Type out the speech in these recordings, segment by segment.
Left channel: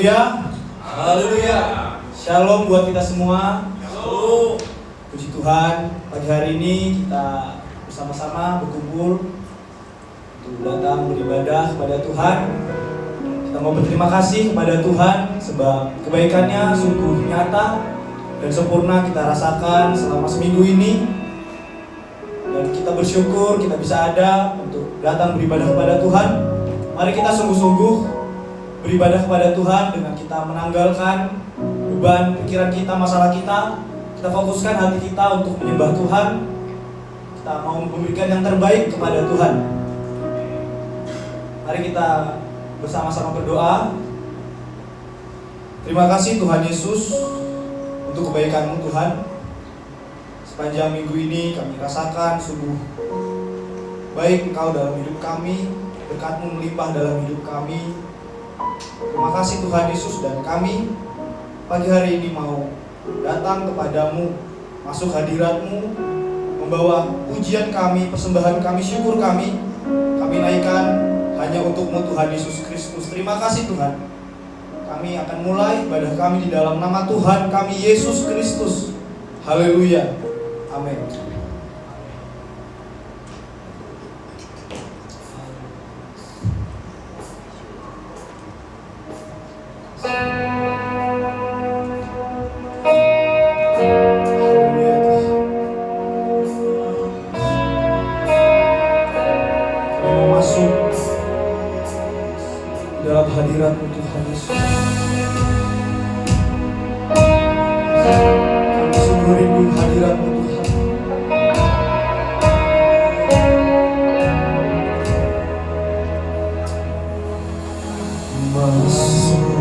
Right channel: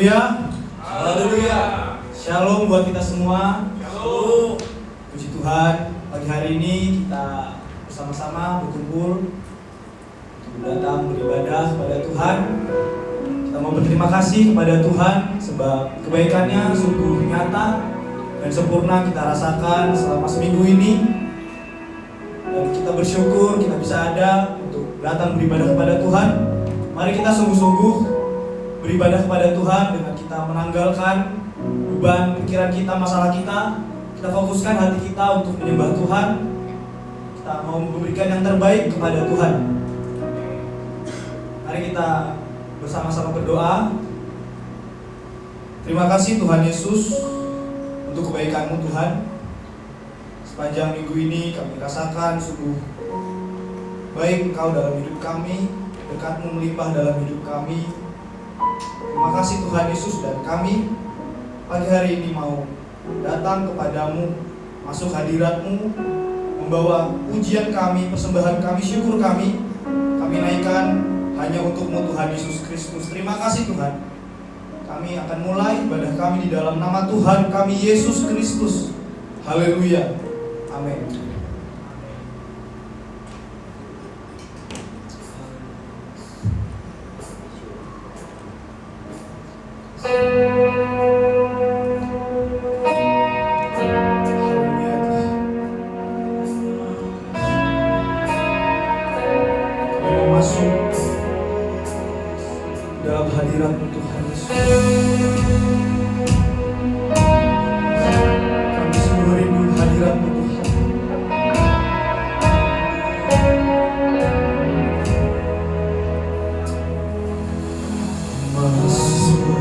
Haleluya. Haleluya. Shalom buat kita semua. Shalom. Puji Tuhan, pagi hari ini kita bersama-sama berkumpul untuk datang beribadah kepada Tuhan. Kita mau berterima kasih kepada Tuhan sebab kebaikannya sungguh nyata dan sempurna kita rasakan selama seminggu ini. Dan kita bersyukur kita bisa ada untuk datang beribadah kepada Tuhan. Mari kita sungguh-sungguh beribadah kepada Tuhan dengan kita menanggalkan beban pikiran kita, masalah kita. Kita fokuskan hati kita untuk menyembah Tuhan. Kita mau memberikan yang terbaik kepada Tuhan. Mari kita bersama-sama berdoa. Terima kasih Tuhan Yesus untuk kebaikan-Mu Tuhan. Sepanjang minggu ini kami rasakan sungguh baik Engkau dalam hidup kami, berkat-Mu melimpah dalam hidup kami. Terima kasih Tuhan Yesus, dan kami pagi hari ini mau datang kepadamu, masuk hadirat-Mu, membawa pujian kami, persembahan kami, syukur kami naikkan hanya untuk-Mu Tuhan Yesus Kristus. Terima kasih Tuhan. Kami akan mulai ibadah kami di dalam nama Tuhan kami Yesus Kristus. Haleluya. Amin. Dalam hadirat-Mu Tuhan Yesus, kami sungguh rindu hadirat-Mu Tuhan. Masuk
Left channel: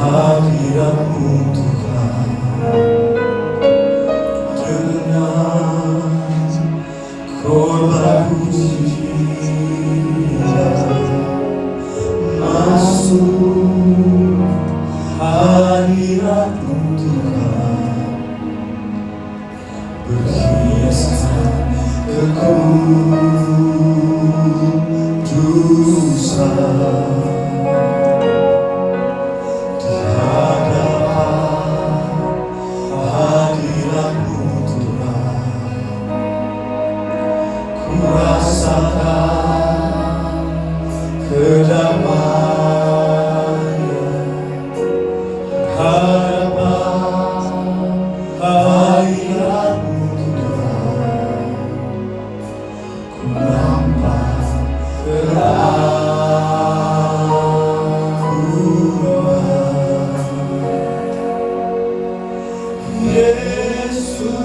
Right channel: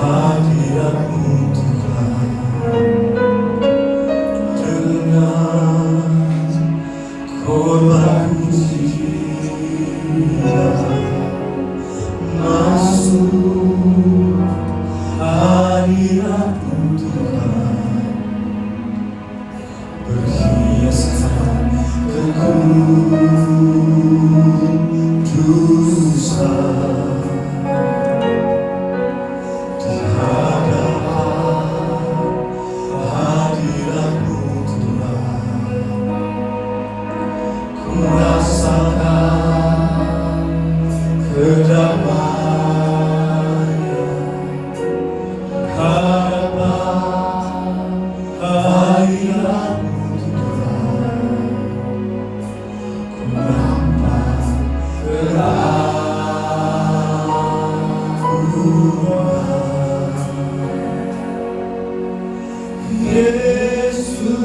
hadirat-Mu Tuhan dengan korban pujian. Masuk hadirat-Mu Tuhan, berhiaskan kekudusan. Di hadapan hadirat-Mu Tuhan, ku rasakan kedamaian. Hadapan hadirat-Mu Tuhan, ku nampak keagungan. Yesus,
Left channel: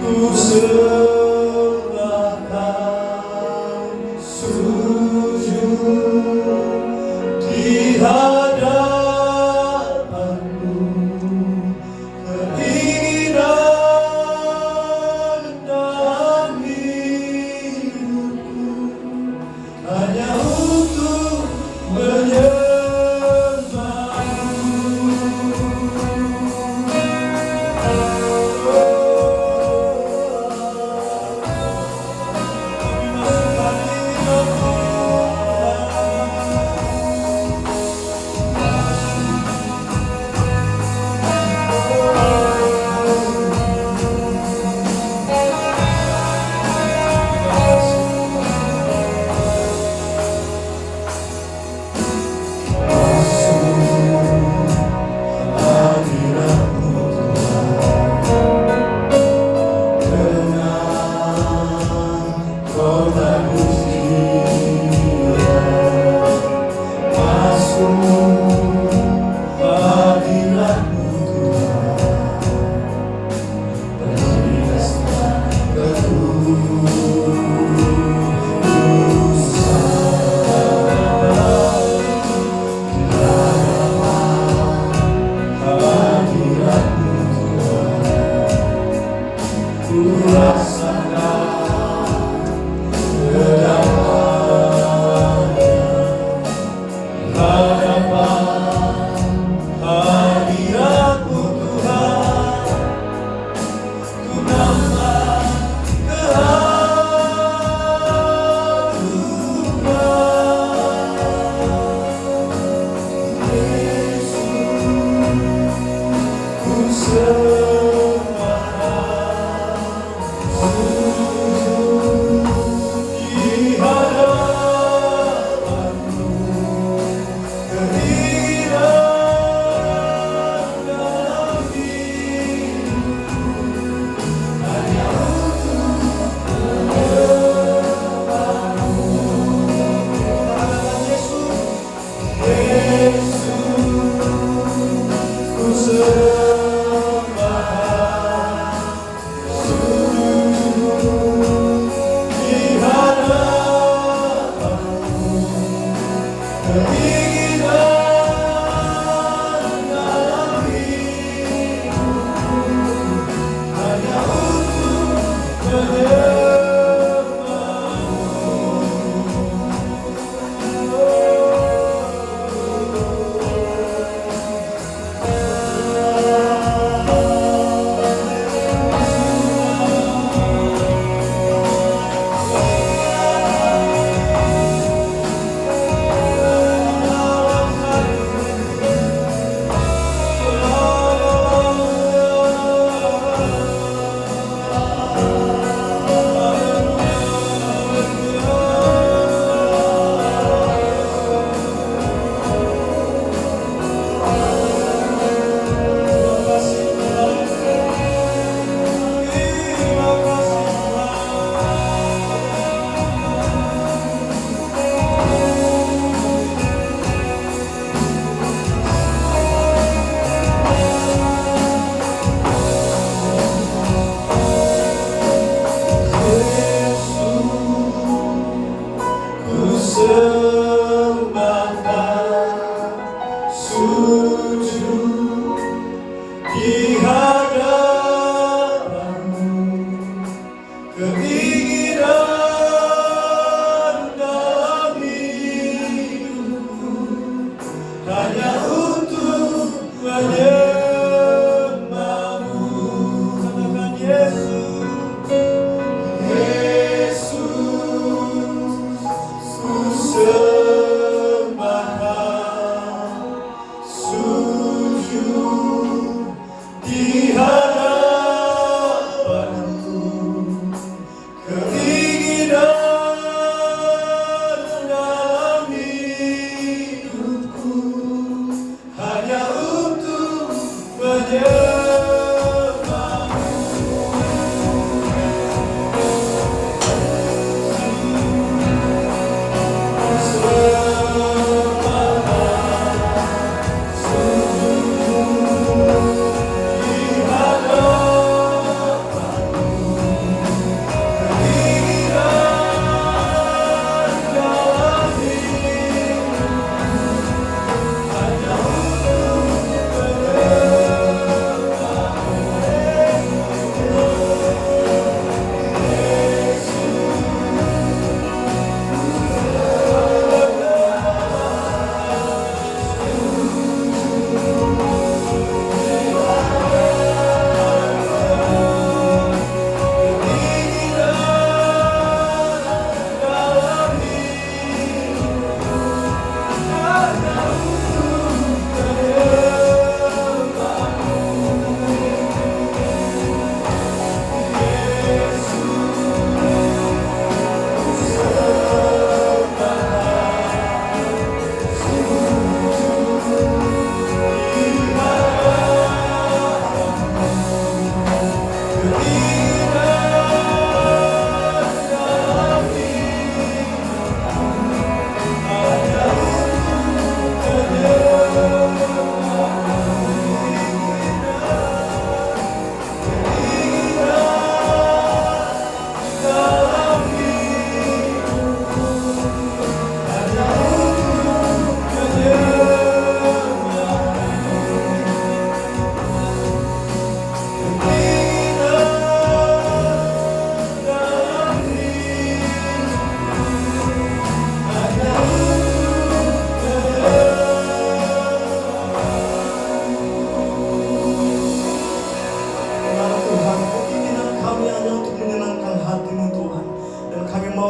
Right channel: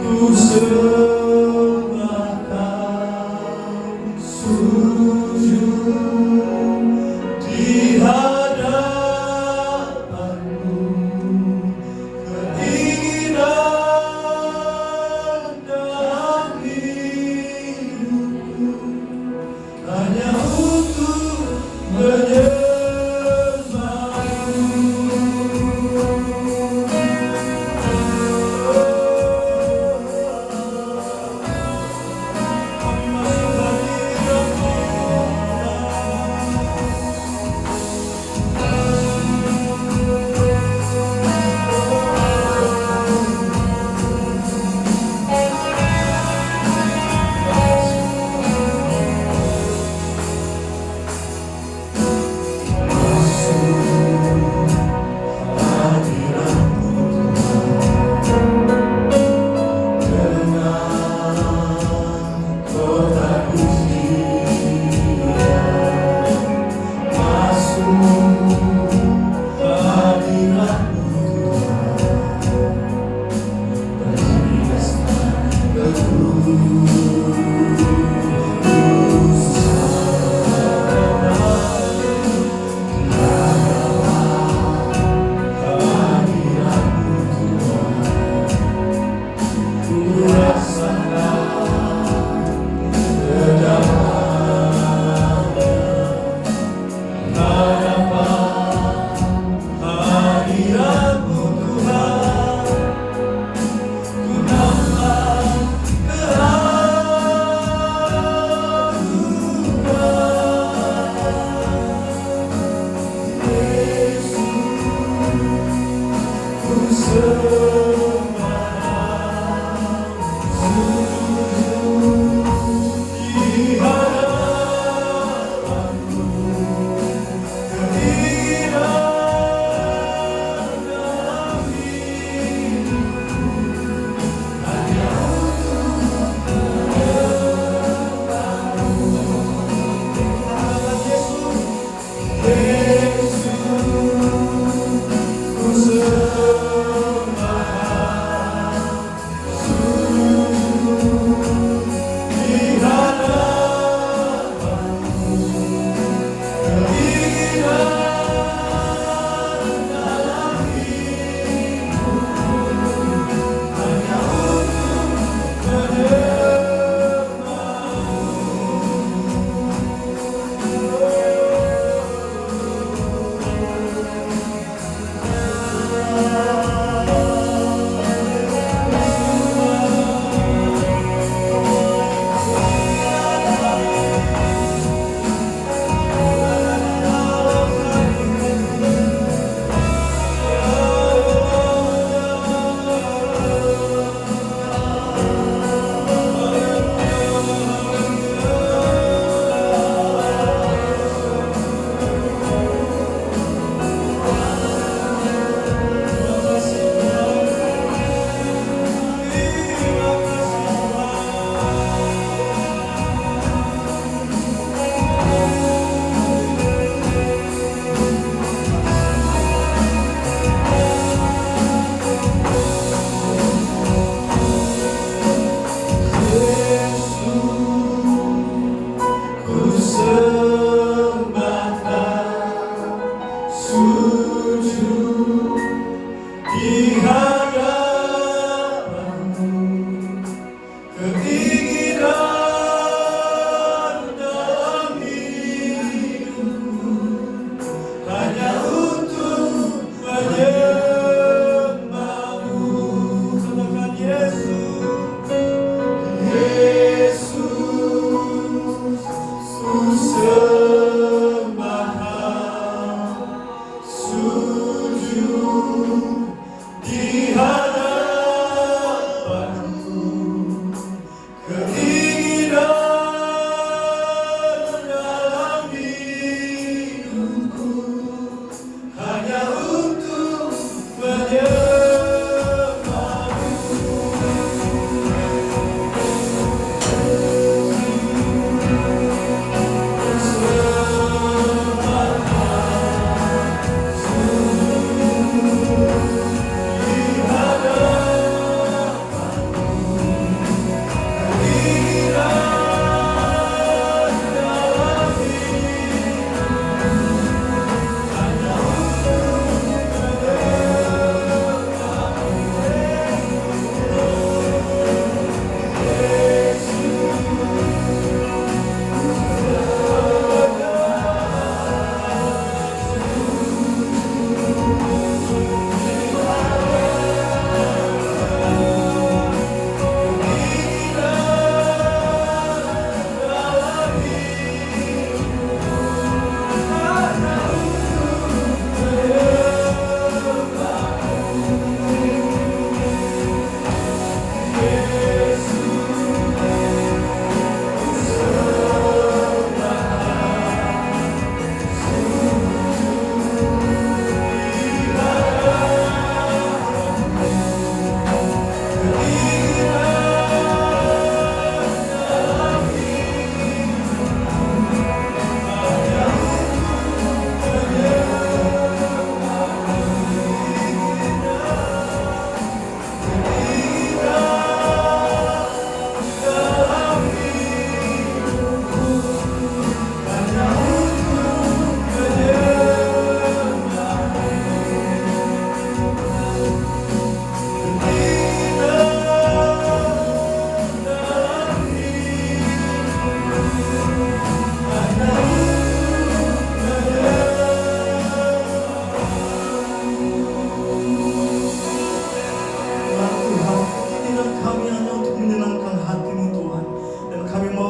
ku sembahkan, sujud di hadapan-Mu. Keinginan dalam hidupku hanya untuk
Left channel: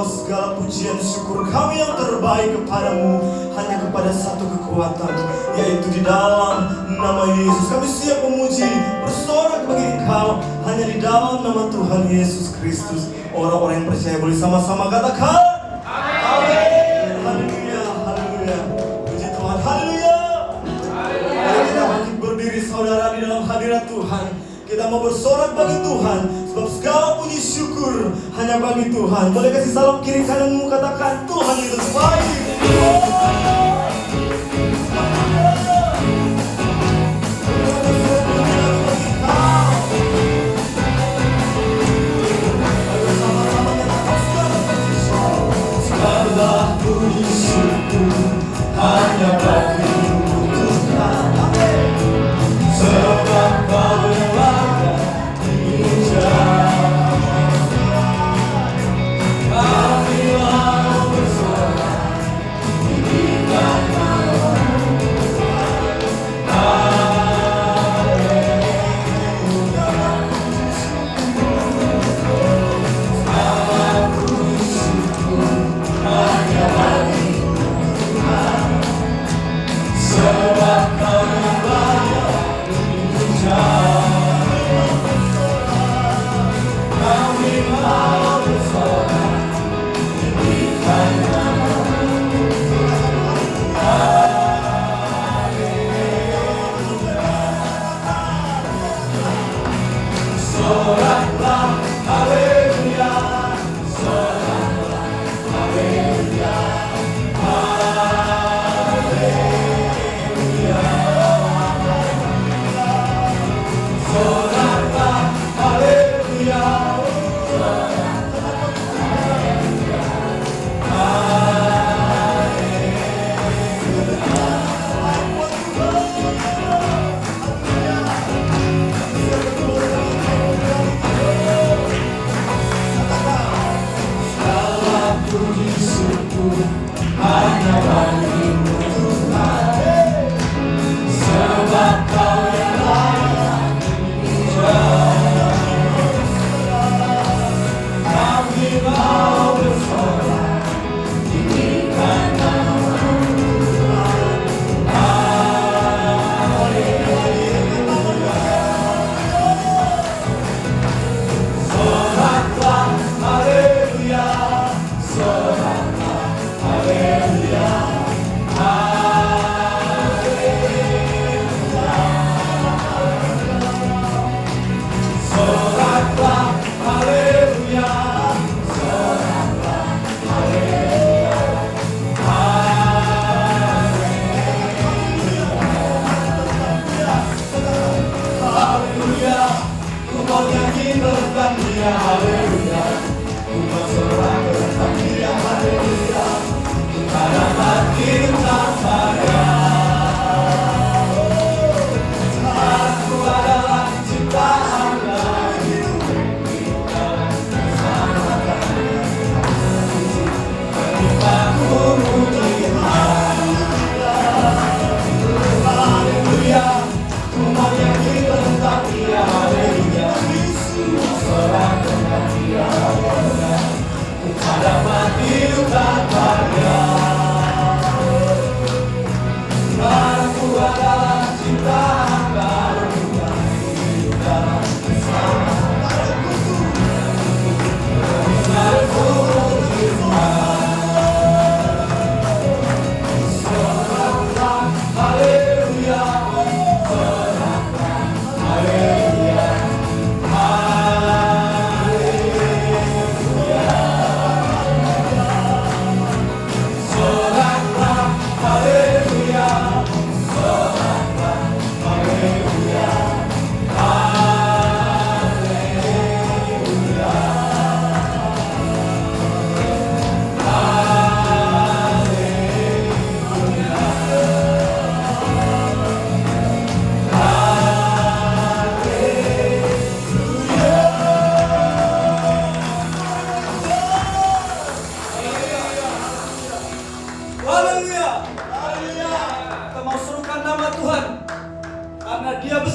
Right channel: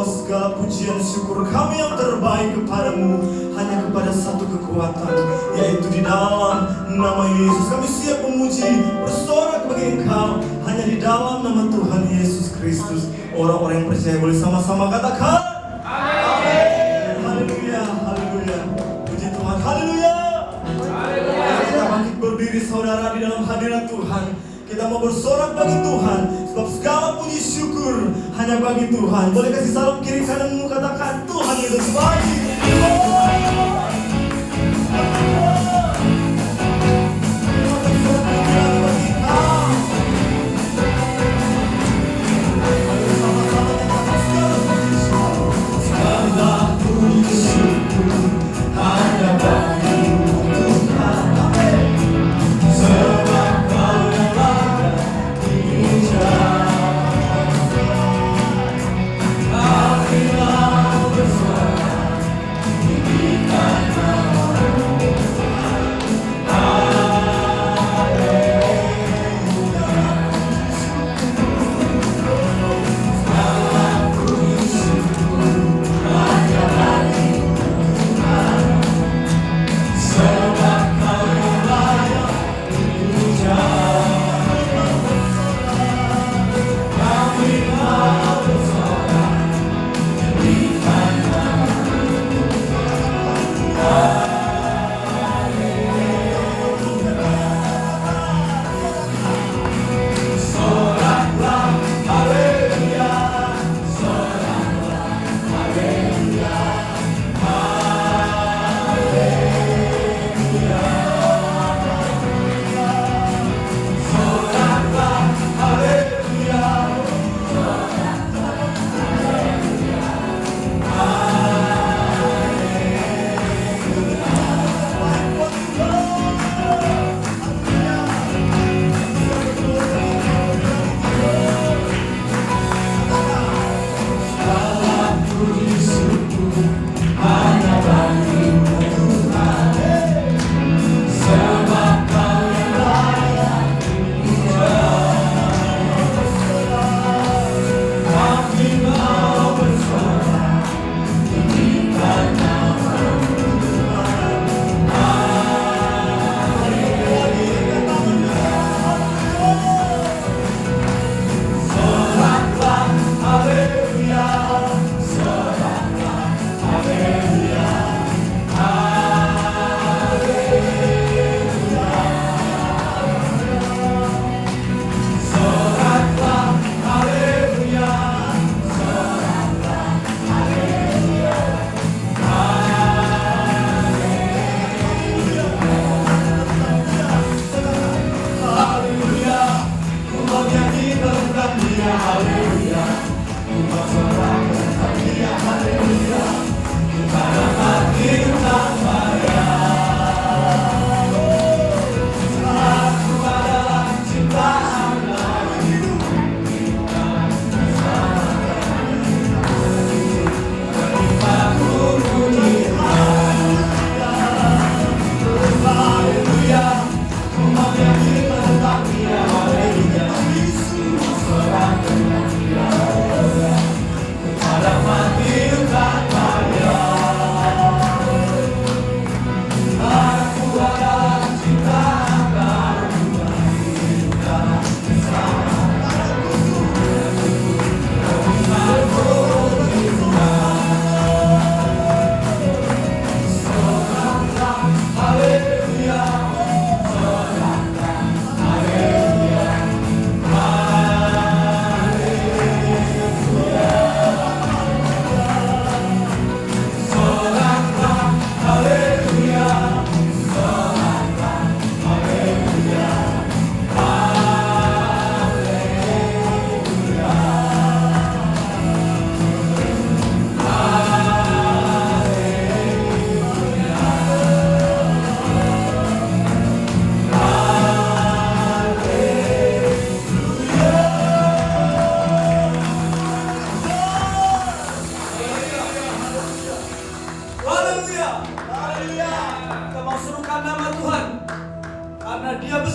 Segala pujian syukur kami yang terbaik kepadamu, hanya kepada satu kekuatan, yaitu di dalam nama Yesus. Kami siap memuji, bersorak bagi Engkau, hanya di dalam nama Tuhan Yesus Kristus. Orang-orang yang percaya boleh sama-sama katakan amin. Haleluya, haleluya. Puji Tuhan, haleluya. Kita bangkit berdiri saudara di dalam hadirat Tuhan. Kita mau bersorak bagi Tuhan, sebab segala puji syukur hanya bagi Tuhan. Boleh kasih salam kiri kananmu, katakan Tuhan itu baik. Segala puji syukur hanya bagi Tuhan. Sebab Kau kami mau bersorak,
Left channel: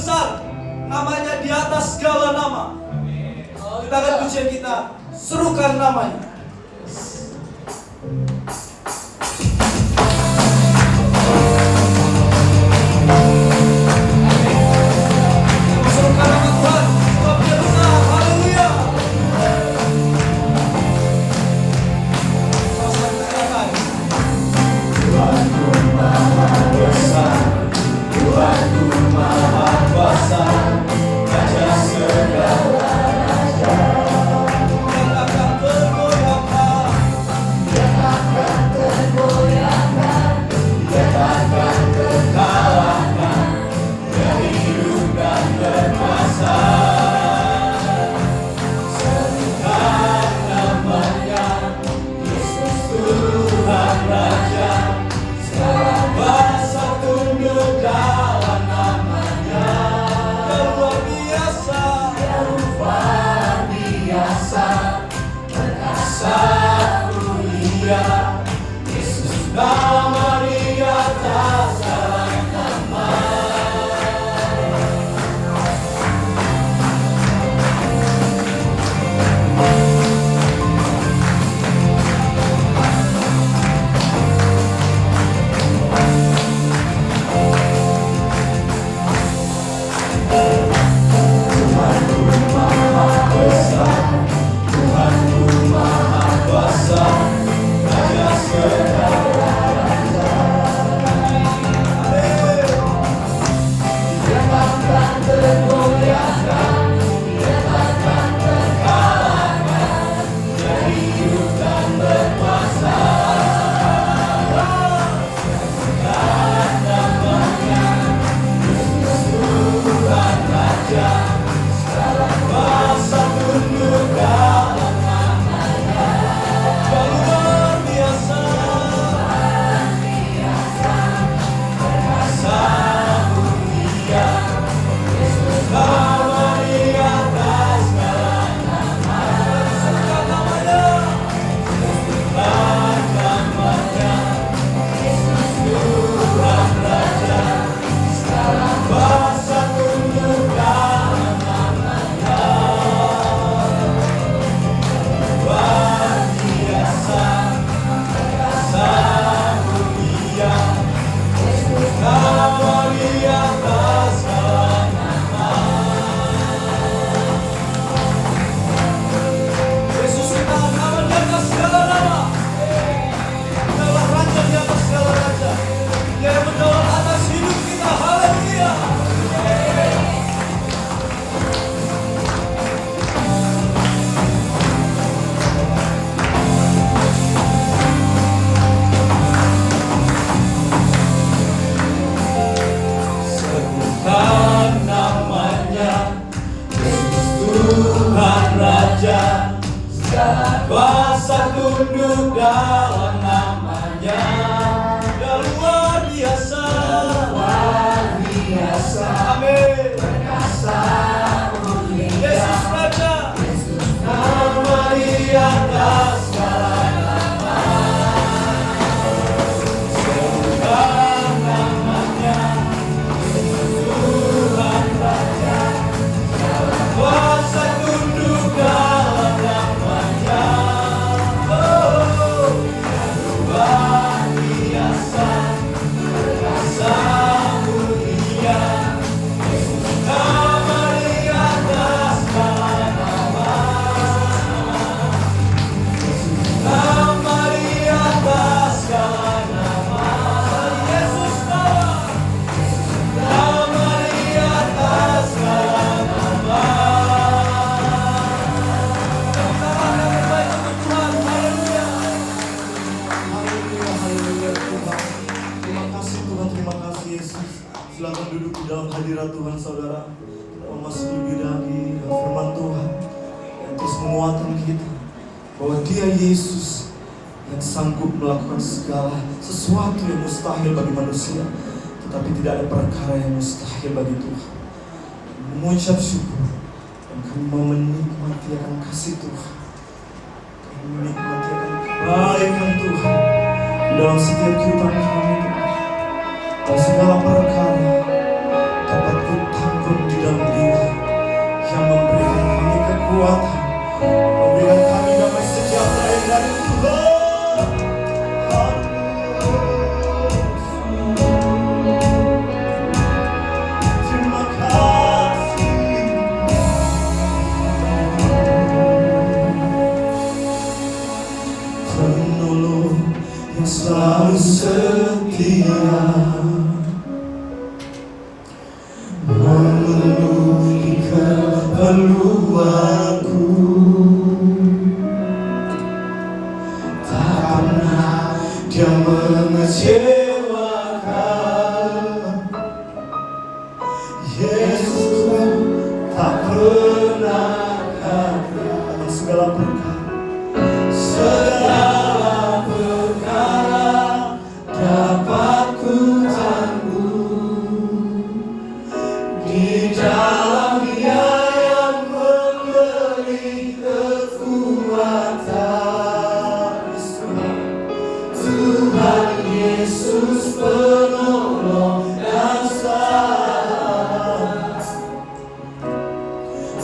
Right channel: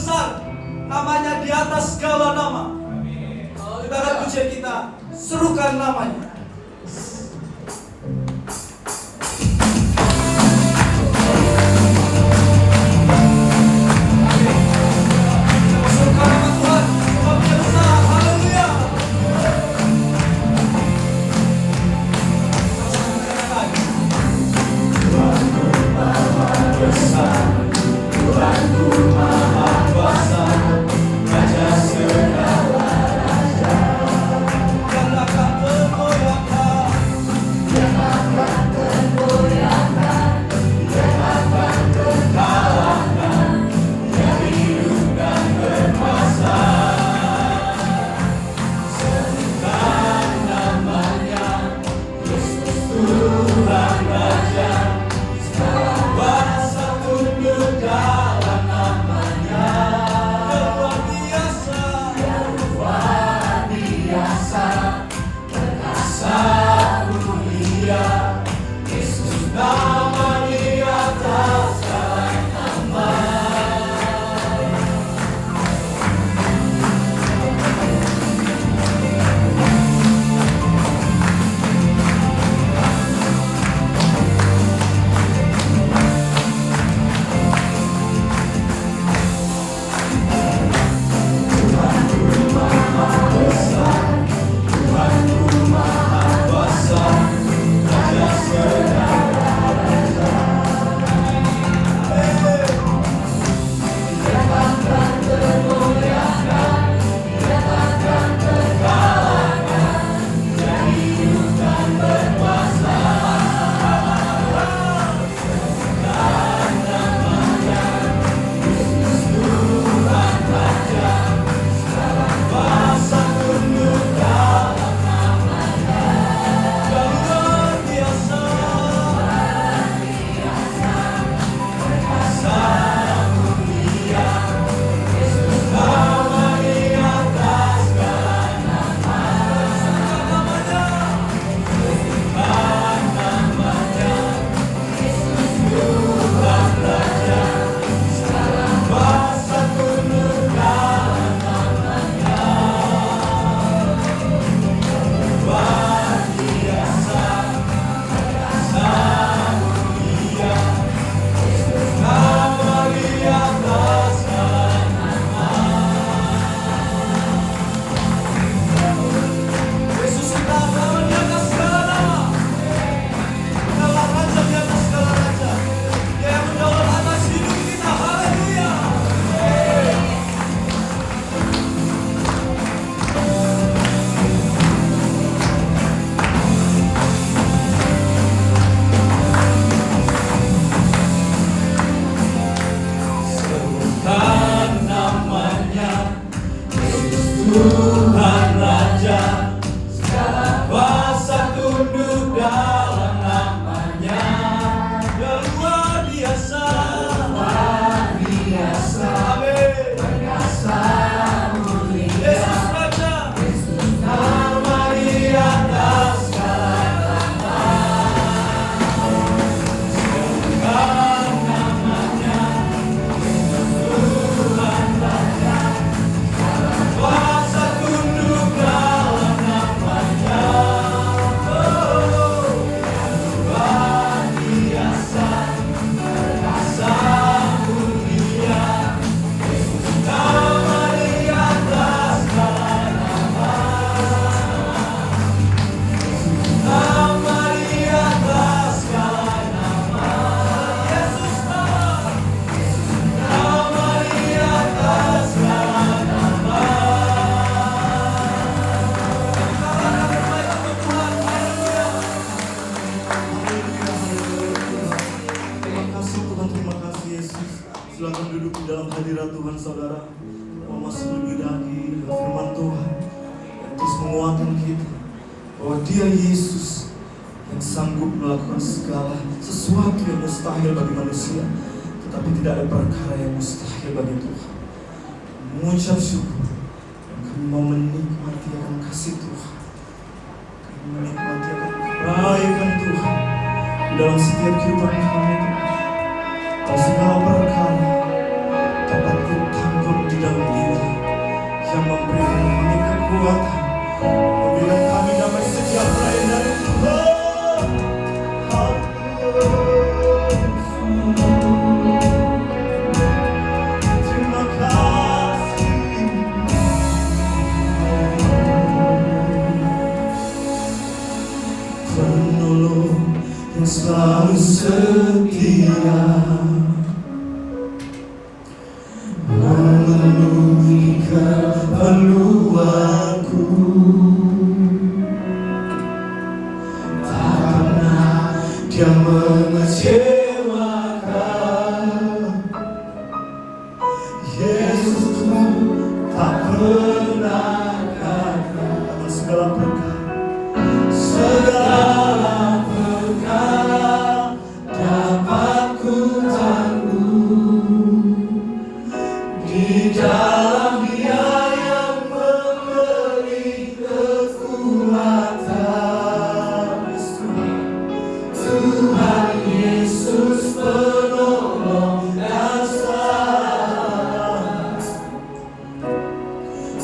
besar, namanya di atas segala nama. Kita akan pujian kita, serukan namanya. Serukan nama Tuhan, sebab Dia besar. Haleluya. Silakan duduk di dalam hadirat Tuhan, saudara. Kita memasuki lagi firman Tuhan yang terus menguatkan kita bahwa Dia Yesus yang sanggup melakukan segala sesuatu yang mustahil bagi manusia, tetapi tidak ada perkara yang mustahil bagi Tuhan. Mengucap syukur dan kami mau menikmati akan kasih Tuhan, kami menikmati akan kebaikan Tuhan di dalam setiap kehidupan kami, Tuhan. Dan segala perkara dapat ku tanggung Yesus Tuhan tak pernah gagal. Atas segala perkara dapat ku tanggung di dalam Dia yang memberi kekuatan. Tuhan Yesus penolong dan selamat.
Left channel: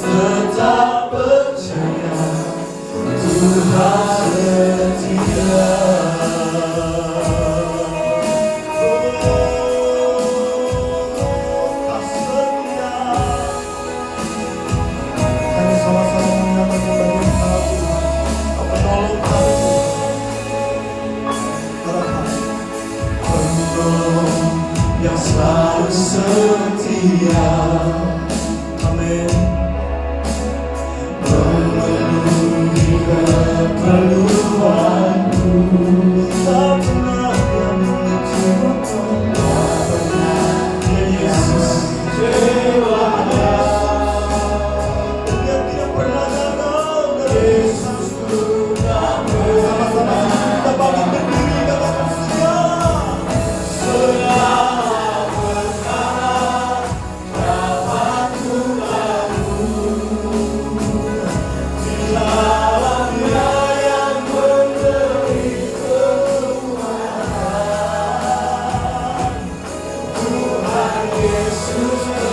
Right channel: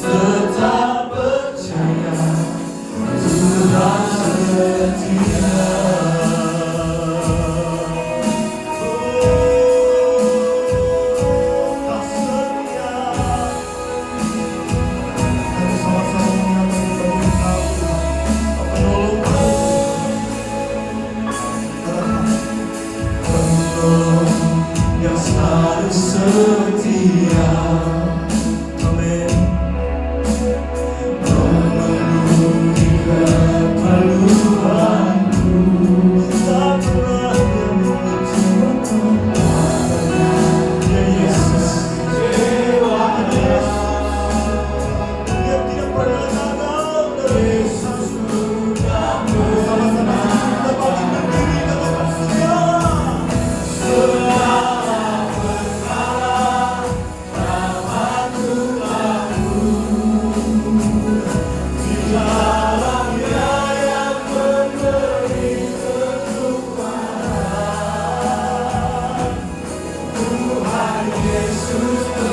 Tetap percaya Tuhan setia. Yang selalu setia, amin. Memenuhi keperluanku, tak pernah mengecewakan. Ya Yesus, dewanya yang tidak pernah gagal. Yesus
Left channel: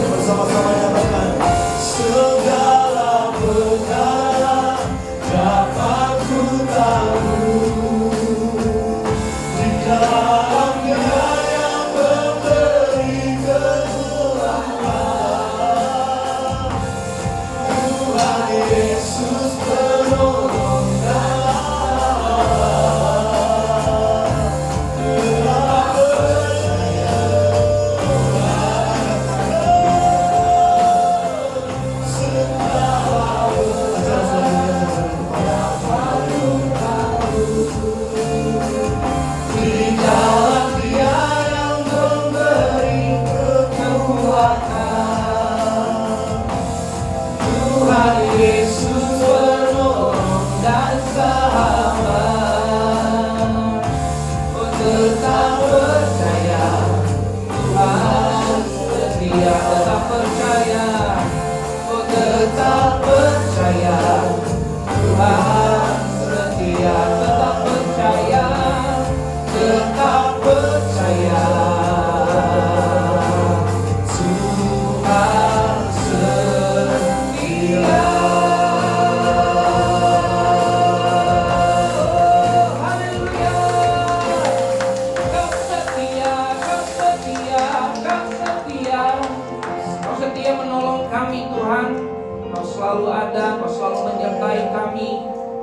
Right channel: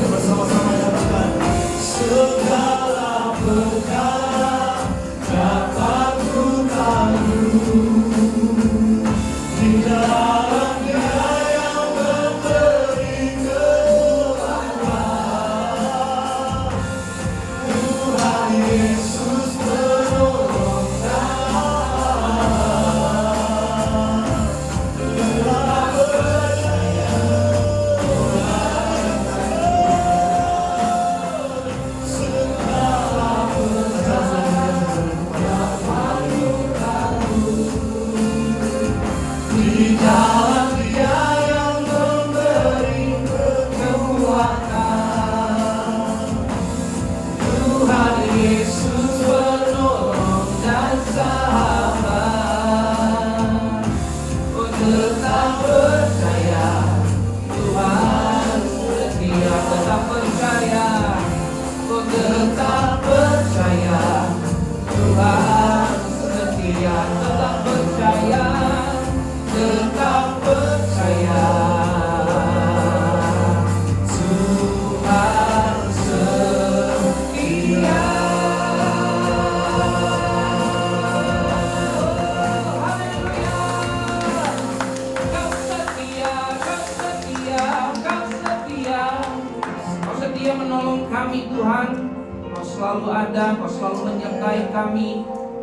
bersama-sama kita bangkit berdiri katakan setia.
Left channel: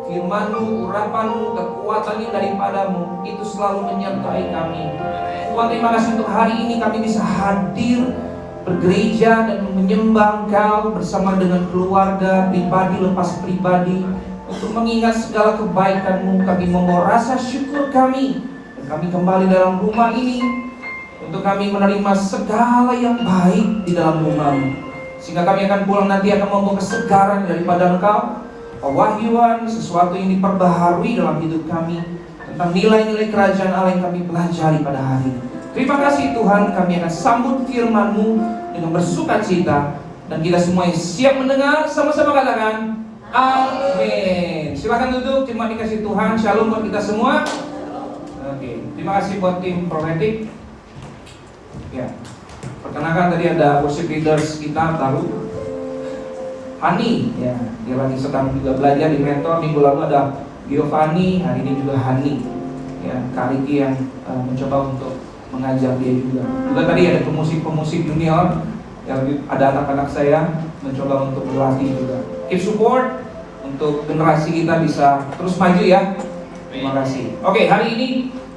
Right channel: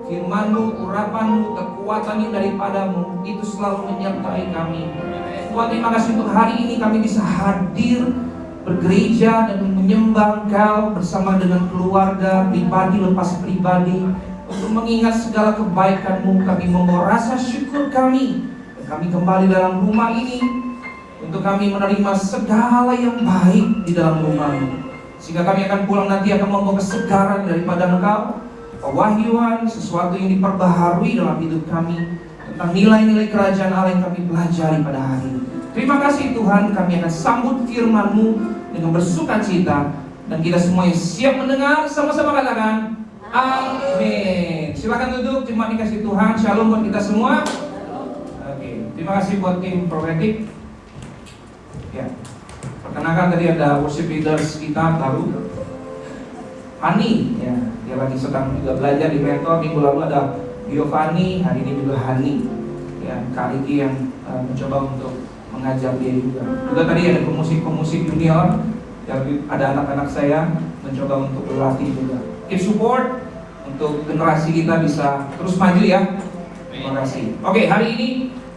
Firman-Mu, urapan-Mu, kekuatan yang daripadamu itu selalu menyertai kami. Tuhan, terima kasih untuk hari ini kami bisa hadir bergereja dan menyembah Engkau bersama dengan keluarga, pribadi lepas pribadi, untuk mengingat segala kebaikan-Mu. Kami memohon rasa syukur kami kami kembali dalam rumah ini untuk kami menerima segala yang baik di dalam rumah-Mu. Sehingga kami akan pulang nanti akan membawa kesegaran daripada Engkau, pewahyuan, sesuatu yang diperbaharui dalam hidup kami, tentang nilai-nilai kerajaan Allah yang kami pelajari pada hari ini. Terima kasih Tuhan, kami akan sambut firman-Mu dengan bersukacita, dan kita semua siap mendengar, sama-sama katakan amin. Silakan duduk, terima kasih Tuhan, shalom buat kita semua. Oke, terima kasih buat tim profetik. Ya, perkenalkan tadi ada worship leaders kita baru, Hani, ya, dia lagi sedang juga belajar di mentor. Minggu lalu ada Giovanni, hari ini juga Hani, ya, Kak Riki yang mencoba untuk mengajar dia juga. Juga tadi ada pemusik junior, yang ada anak-anak saya mencoba untuk berlatih juga. Keep support untuk generasi kita bisa terus maju ya. Terima kasih. Oke, hari ini